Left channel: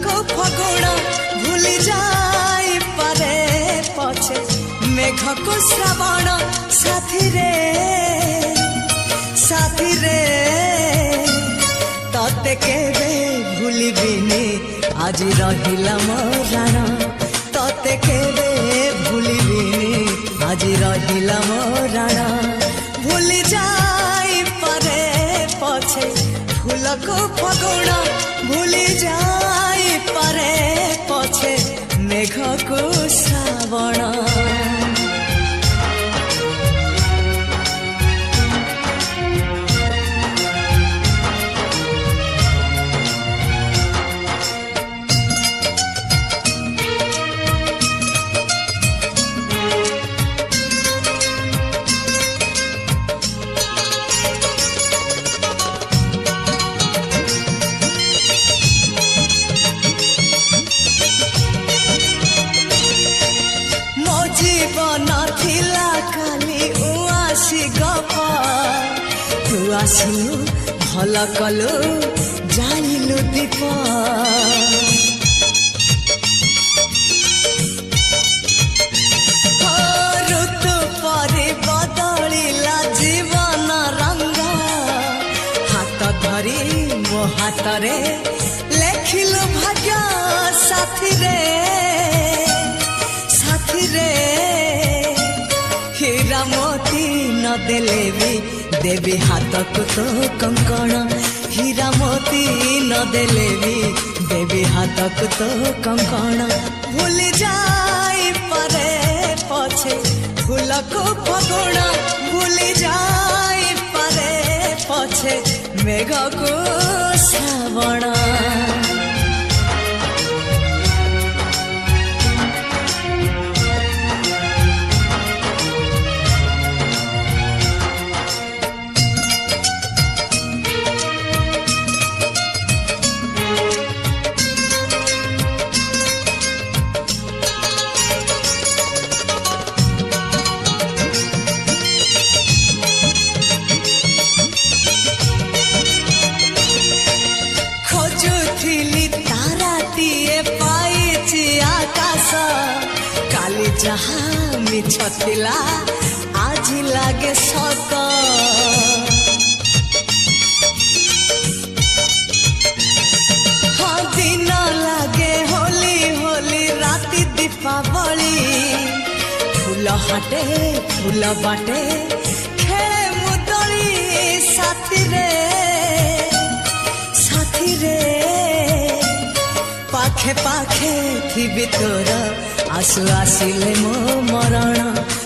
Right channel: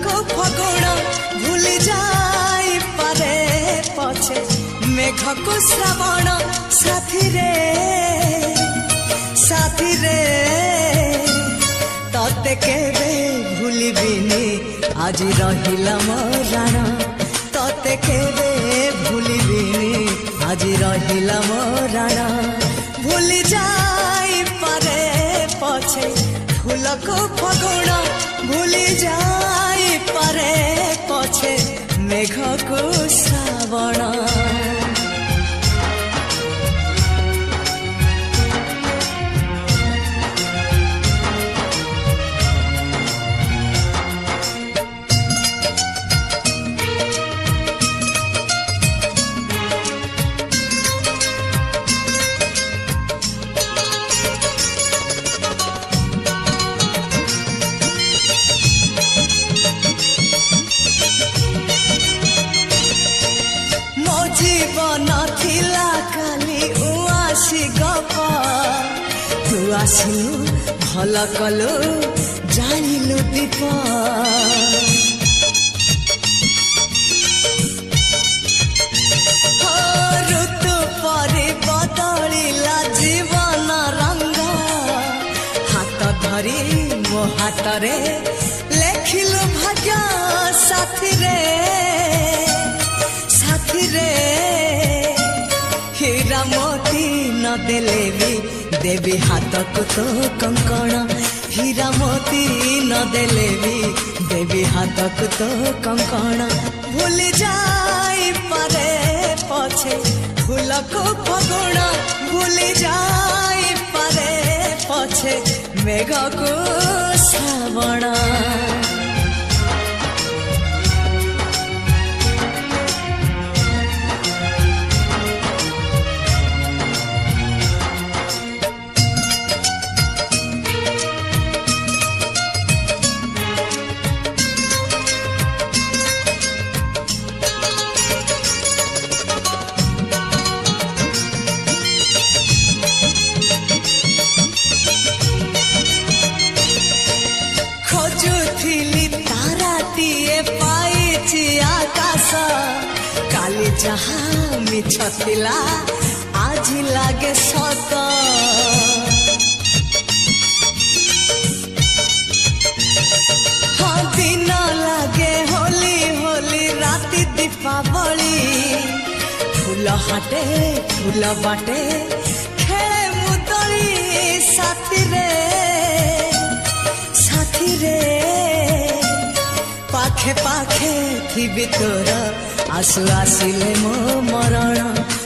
ଫୁଲକୁ ଫଗୁଣ ଭୁଲି ଯାଇପାରେ ପଛେ ମେଘକୁ ଶ୍ରାବଣ ସାଥିରେ ସାଥିରେ ତତେ କେବେ ଭୁଲିବିନି ଆଜି ରହିଲା ମୋ ରାଣ ତତେ କେବେ ଭୁଲିବିନି ଆଜି ରହିଲା ମୋ ରାଣ ଭୁଲି ଯାଇପାରେ ପଛେ ଫୁଲକୁ ଫଗୁଣ ଭୁଲି ଯାଇପାରେ ପଛେ ମେଘକୁ ଶ୍ରାବଣ জীবন থিলা কালি উআসি গপ তু আসিলু ভাল কলু জানিলু দীপ ঋতু পরে বদলিলা জীবন রঙ্গ হাত ধরি মো হাতরে লেখিলু ভাগ্য সাথীরে সাথীরে হীরা মোতি ন দেলে বি দেবী হাতকু তো কঙ্কণ হীরা মোতি ন দেলে বি দেবী হাতকু তো কঙ্কণ ভুলি যাইপারে পছে ফুলকু ফগুণ ভুলি যাইপারে পছে মেঘকু শ্রাবণ ଖୋଜୁଥିଲି ତାରାଟିଏ ପାଇଛି ଆକାଶ କାଲି ଯାହା ମିଛ ଥିଲା ଆଜି ଲାଗେ ସତ ହଁ ଦିନ ଲାଗେ ହୋଲି ହୋଲି ରାତି ଦୀପାବଳି ଫୁଲ ହାଟେ ଫୁଲ ବାଟେ ଖେଳେ ମୁଁ ଦୋଳି ସାଥିରେ সাথীরে পাখে পাখে থিবি তোর আসু আসিলে মো মরণ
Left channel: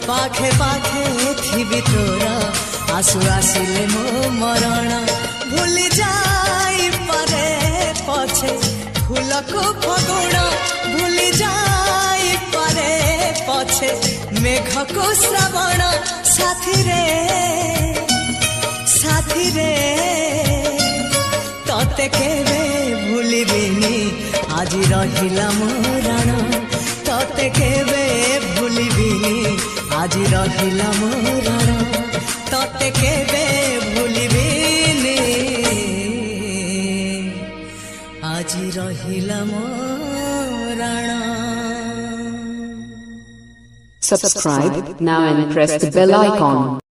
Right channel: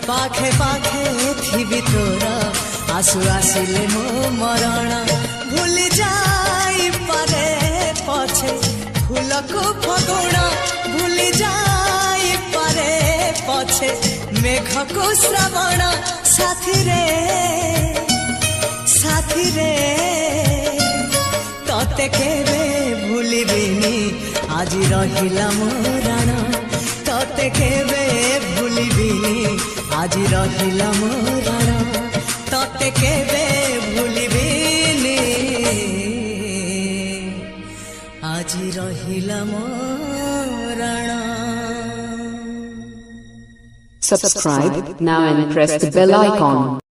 পাখে পাখে থিবি তোর আসু আসিলে মো মরণ ভুলি যাইপারে পছে ফুলকু ফগুণ ভুলি যাইপারে পছে মেঘকু শ্রাবণ সাথীরে সাথীরে ততে কেবে ভুলিবিনি আজি রহিলা মো রাণ ততে কেবে ভুলিবিনি আজি রহিলা মো রাণ ততে কেবে ভুলিবিনি আজি রহিলা মো Rann Subscribe now and press the bell icon.